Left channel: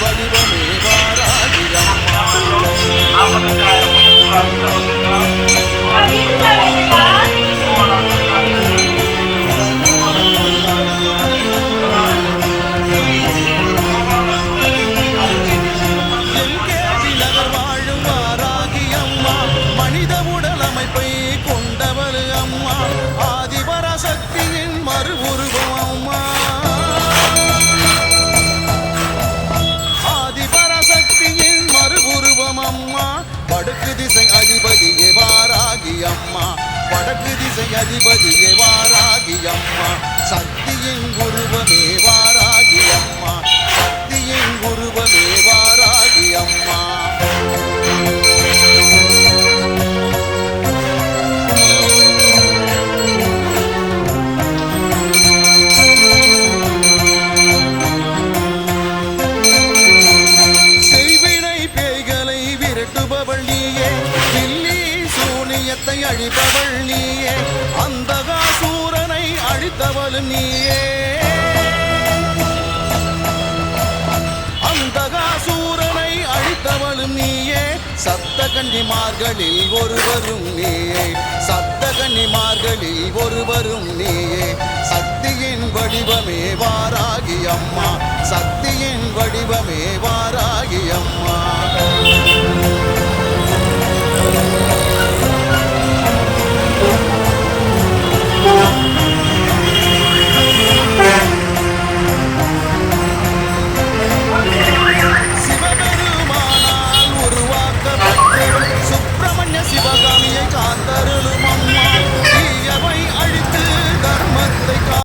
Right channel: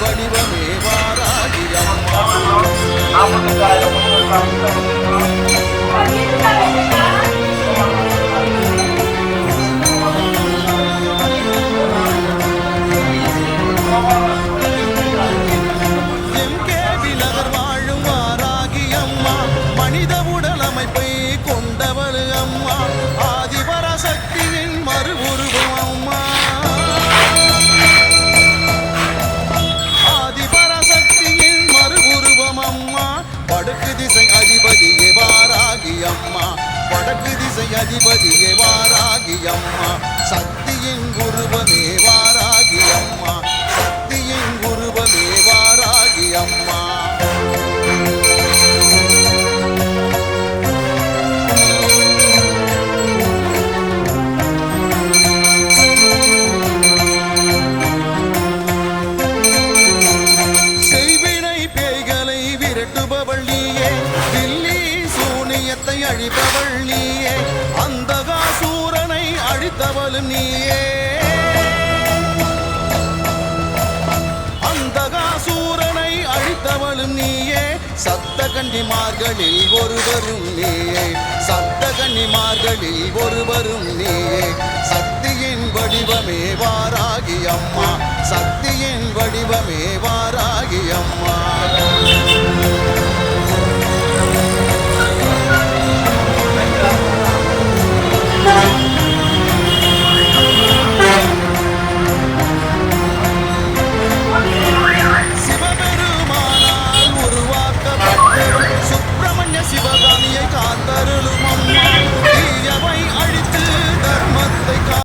வடிவமே வாராகி அம்மா. எம்கேபி நகர் வாழும் வாராகி அம்மா, மனித உடல் அமைப்பை கொண்டவள் அம்மா, ஆதிபராசக்தியின் மறு உருவம் அம்மா. ஆதிபராசக்தியின் மறு உருவம் அம்மா, வடக்கு திசை அதிபதியே வாராகி அம்மா, வடக்கு திசை அதிபதியே வாராகி அம்மா, சக்தியின் உருவமே வாராகி அம்மா, சக்தியின் உருவமே வாராகி அம்மா. அழிப்பவள் நீயே, அந்தகாசூரனை அழித்தவளும் நீயே, அந்தகாசூரனை அழித்தவளும் நீயே, சப்த கன்னிமார்களில் ஒருவரும் நீயே, சப்த கன்னிமார்களில் ஒருவரும் நீயே, சக்தியின் வடிவமே வாராகி அம்மா, சக்தியின் வடிவமே வாராகி அம்மா.